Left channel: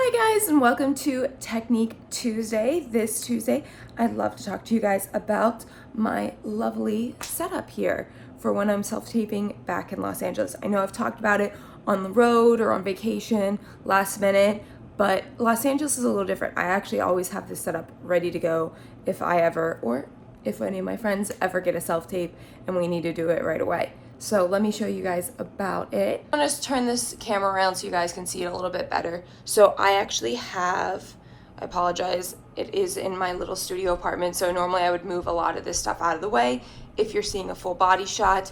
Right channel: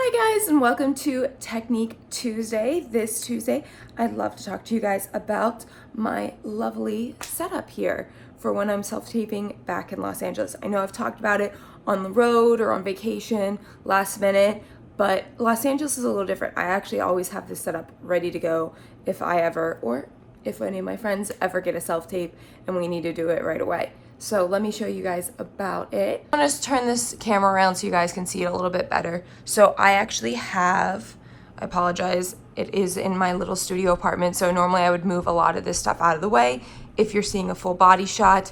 Hi guys, and welcome to Technique Tuesday. This Tuesday, I'd love to talk to you guys about my lovely setup here for when I'm self-taping back in Los Angeles. I know I've talked about it on the road or on vacation last minute, but Los Angeles is a little different. I actually always have this setup ready to go if I ever, or if any of my friends ever get a self-tape and we need to do it right away. So let me show you guys about it. I'm gonna turn this camera around so you guys can see it a little bit better. So I actually have, I apologize, it is in my little studio apartment. So normally I would move a lot of this stuff out of the way if you're seeing a full body shot.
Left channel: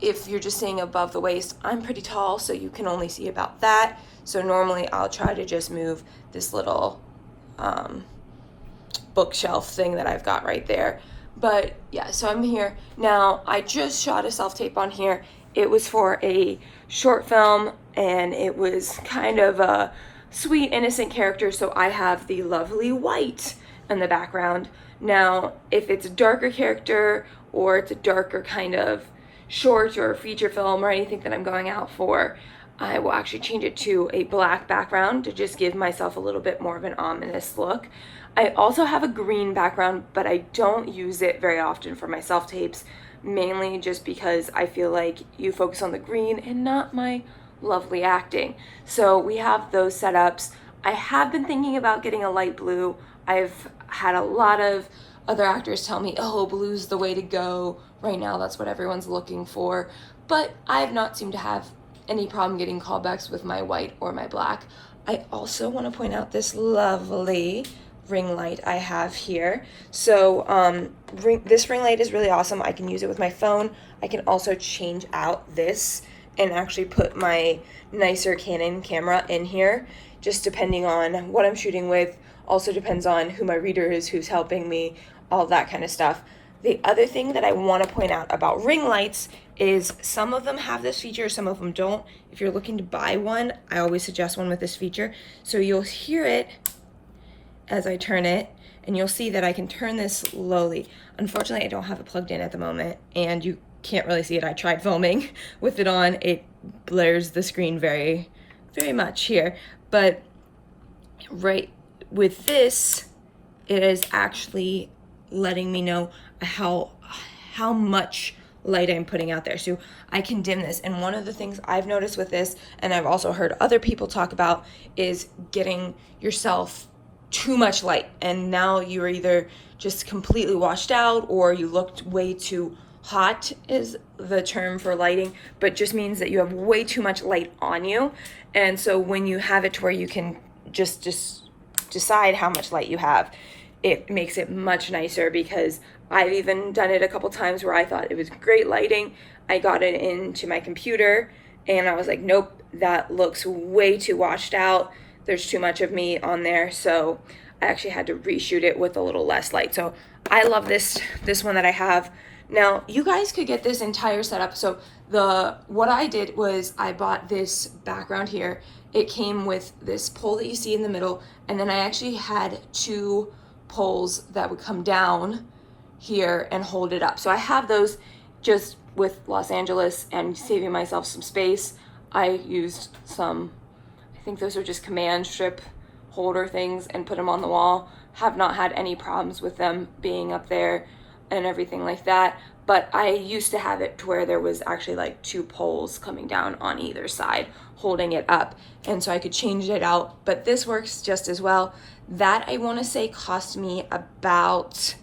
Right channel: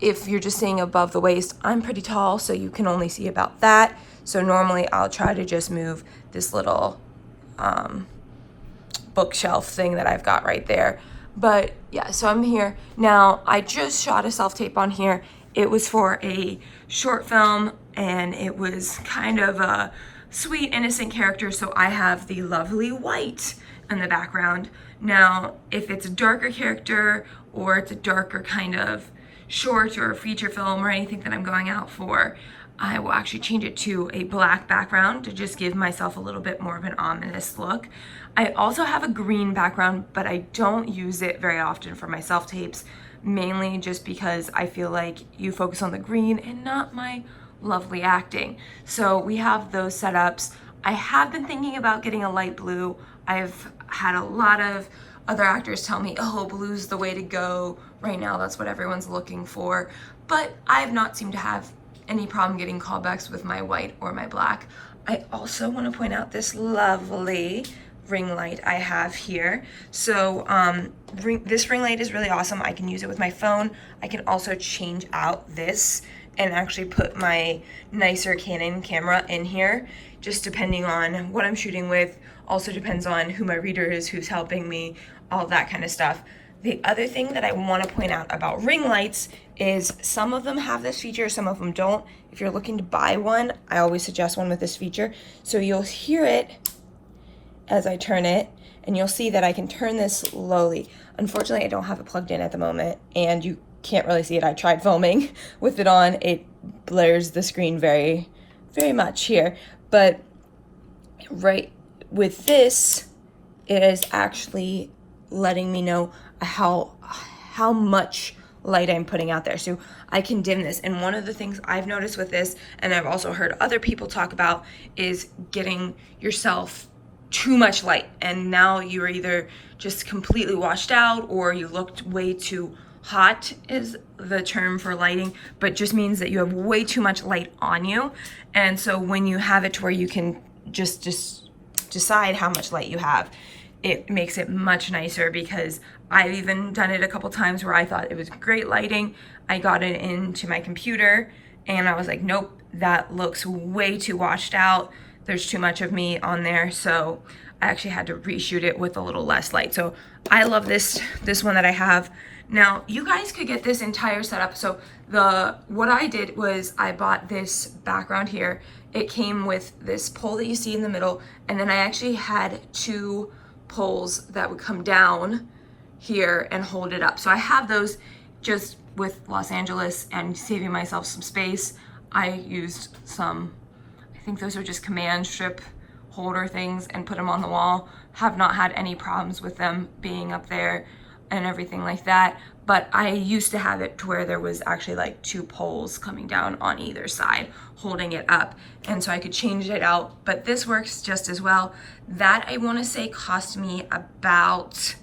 If you're just seeing above the waist, I'm pretty tall, so you can only see about that. So normally I'll try to just move this little bookshelf thing that I've got right there. But yeah, so I'm here. Now, I just shot a self-tape on here. It was for a short film and it was kind of a sweet, innocent character. So I have the lovely white in the background. Now, if it's a darker character or it's a darker kind of short or feature film or anything that I'm going out for, I will actually change it to a black background to just give myself a little bit more of an ominous look. I also have a green background, but I don't use it very often for my self-tapes, mainly just because I feel like you focus on the green and not my lovely acting. So we have those setups. I have been thinking about getting a light blue. I've had a lot of other actors tell me, oh, blue's the way to go. Right now, that's what everyone's looking for. But I have not seemed to have any problem getting callbacks with my white or my black. I also want to point out this lovely ring light I have here. So this ring light is really awesome. I can use it with my phone. I can also change out this and actually put my nicer Canon camera in here, just depending on what I'm shooting with. Also depends on who my reader is, who's helping me, all that kind of stuff. The other thing that I want to point out about ring lights is some of them have this feature, some of them don't. If you're looking to buy one, I always suggest one with this feature. So you'll hear it as I turn it, and you'll see that I can turn this slowly. Unfortunately, I don't have it plugged in at the moment, and you can't really see it. I tried filming with it on. It blurs the screen very, very much here. But right with this, it is actually letting me know how much light I'm putting out there. So I can dim this. And one of the things I've noticed with this, and I've also heard other people talk about, is getting yourself too much light. And now you're either just completely washed out or you looked way too hot is the term for lighting, but just means that you have way too much light on you. And so when you have it to where you can just decide how much light you have, it makes it much nicer, because I've even done it a couple times where I thought it was great lighting. I got it into my computer and I was like, nope, that looks way too washed out. There's too much of me on there. So I actually had to reshoot it with a little less light. So I love this one that I have. Now you guys could get this entire setup. So what I did was I bought this background here. It came with this pole that you see in the middle. And then I actually had two poles that would come down here and hold it up. So I have those just with Los Angeles and saving myself some space. I used some, I think those are just command strip holder things, and put them on the wall. Have not had any problems with them being up there and everything like that. But I used to have it to where there was actually like two poles coming down on either side holding it up, and so I could change it out. But this works just as well. That, I want to say, cost me about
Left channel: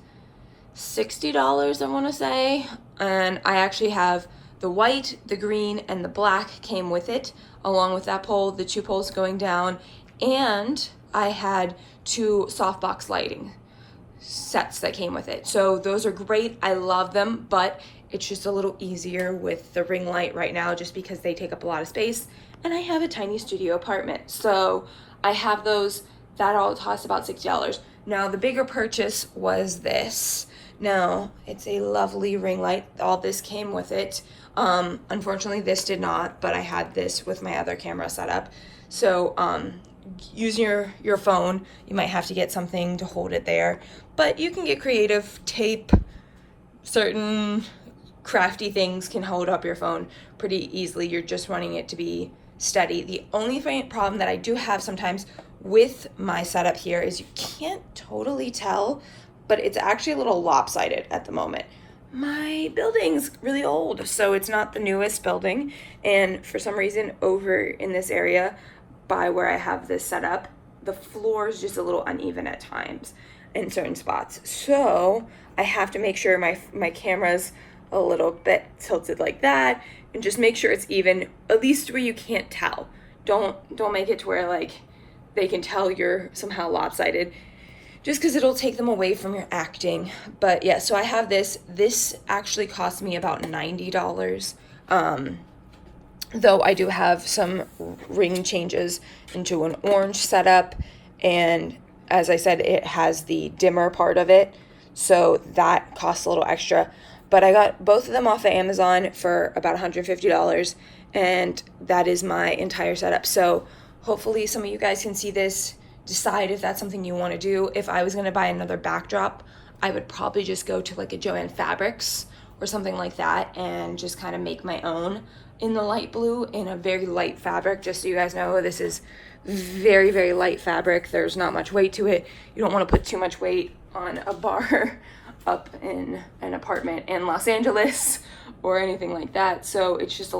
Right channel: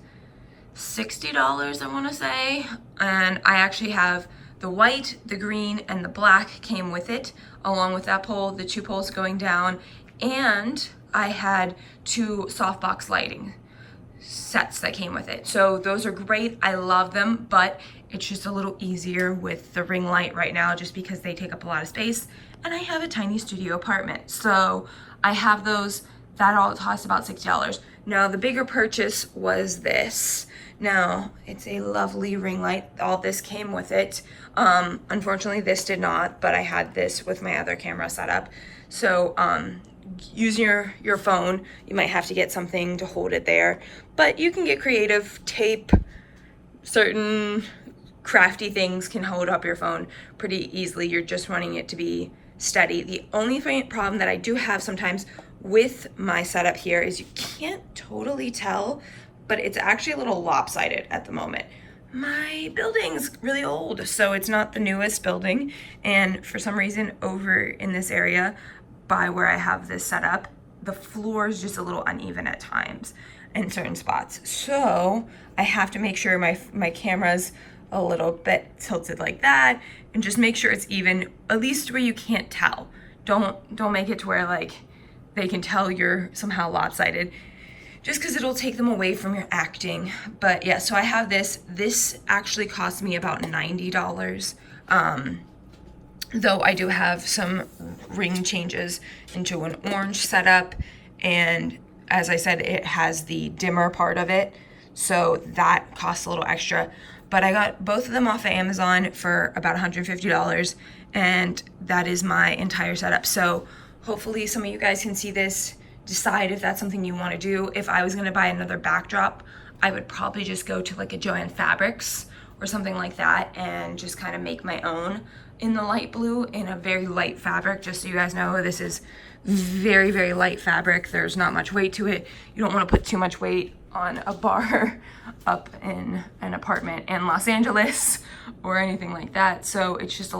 $60, I want to say. And I actually have the white, the green, and the black came with it, along with that pole, the two poles going down. And I had two softbox lighting sets that came with it. So those are great. I love them, but it's just a little easier with the ring light right now, just because they take up a lot of space. And I have a tiny studio apartment. So I have those. That all cost about $60. Now the bigger purchase was this. Now it's a lovely ring light. All this came with it. Unfortunately this did not, but I had this with my other camera setup. So using your phone, you might have to get something to hold it there, but you can get creative. Tape, certain crafty things can hold up your phone pretty easily. You're just wanting it to be steady. The only problem that I do have sometimes with my setup here is you can't totally tell, but it's actually a little lopsided at the moment. My building's really old, so it's not the newest building, and for some reason over in this area by where I have this set up, the floor is just a little uneven at times in certain spots. So I have to make sure my camera's a little bit tilted like that, and just make sure it's even, at least where you can't tell. Don't make it to where like they can tell you're somehow lopsided, just because it'll take them away from your acting. But yeah, so I have this actually cost me about $90, though I do have some ring changes into an orange setup, and as I said, it has the dimmer part of it, so that costs a little extra. But I got both of them off of Amazon for about $150, and that is my entire setup. So hopefully some of you guys can see this, decide if that's something you want to do. If I was going to buy another backdrop, I would probably just go to like a Joann Fabrics or something like that and just kind of make my own in the light blue in a very light fabric. Just so you guys know, this is very, very light fabric. There's not much weight to it. You don't want to put too much weight on a bar up in an apartment in Los Angeles or anything like that. So it's just a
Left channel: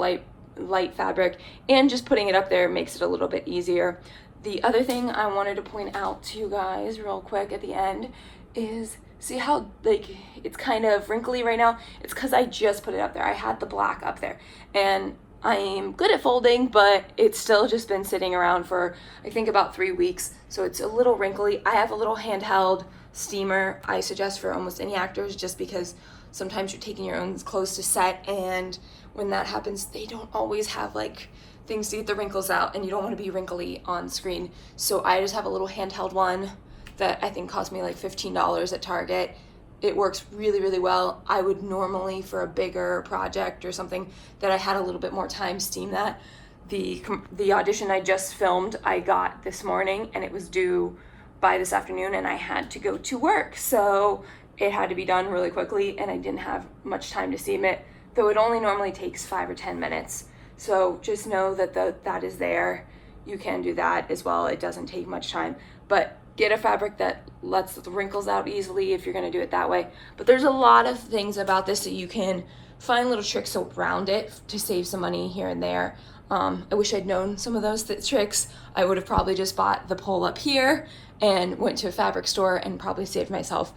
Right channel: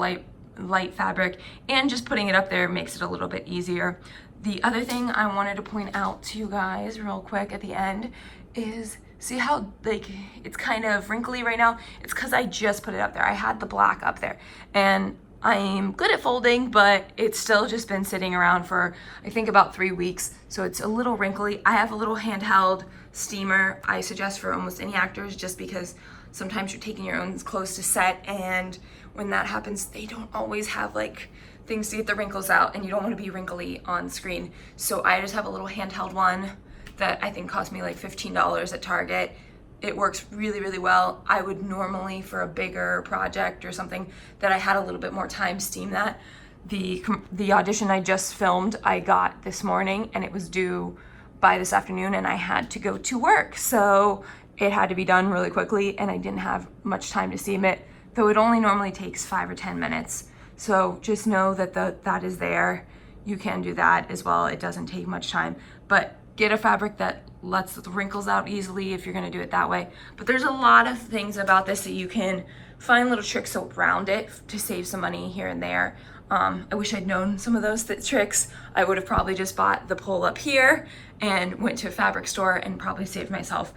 light fabric, and just putting it up there makes it a little bit easier. The other thing I wanted to point out to you guys real quick at the end is, see how like it's kind of wrinkly right now? It's because I just put it up there. I had the black up there, and I'm good at folding, but it's still just been sitting around for I think about 3 weeks, so it's a little wrinkly. I have a little handheld steamer I suggest for almost any actors, just because sometimes you're taking your own clothes to set, and when that happens, they don't always have like things to get the wrinkles out, and you don't want to be wrinkly on screen. So I just have a little handheld one that I think cost me like $15 at Target. It works really, really well. I would normally, for a bigger project or something that I had a little bit more time, steam that. The audition I just filmed, I got this morning, and it was due by this afternoon, and I had to go to work. So it had to be done really quickly, and I didn't have much time to steam it, though it only normally takes 5 or 10 minutes. So just know that that is there. You can do that as well. It doesn't take much time, but get a fabric that lets the wrinkles out easily if you're gonna do it that way. But there's a lot of things about this that you can find little tricks around it to save some money here and there. I wish I'd known some of those tricks. I would have probably just bought the pole up here and went to a fabric store and probably saved myself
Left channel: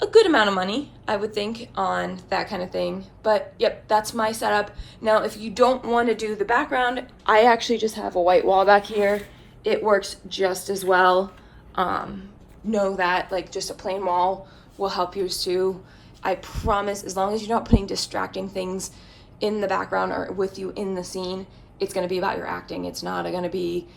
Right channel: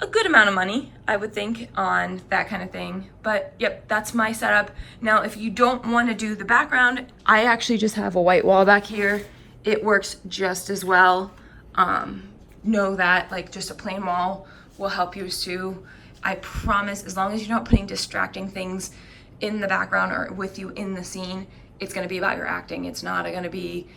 a good amount of money, I would think, on that kind of thing. But yep, that's my setup. Now, if you don't want to do the background, I actually just have a white wall back here. It works just as well. Know that like just a plain wall will help you too. I promise, as long as you're not putting distracting things in the background or with you in the scene, it's going to be about your acting. It's not going to be,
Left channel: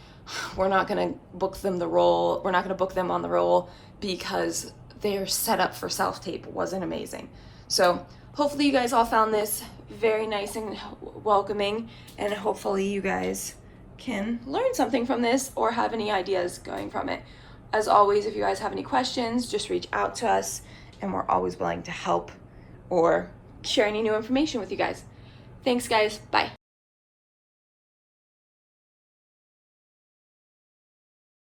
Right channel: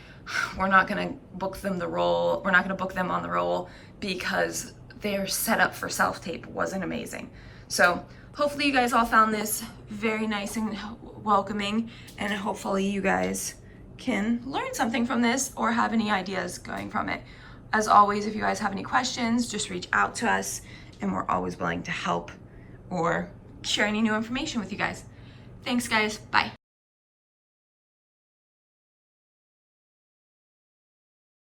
we're not going to book them the role. We're not going to book them on the role because their setup for self-tape wasn't amazing. So hopefully you guys all found this very nice and welcoming, and hopefully you guys can learn something from this or have any ideas going from it. As always, if you guys have any questions, just reach out to us, and we're always willing to help or share any new information with you guys. Thanks guys, bye.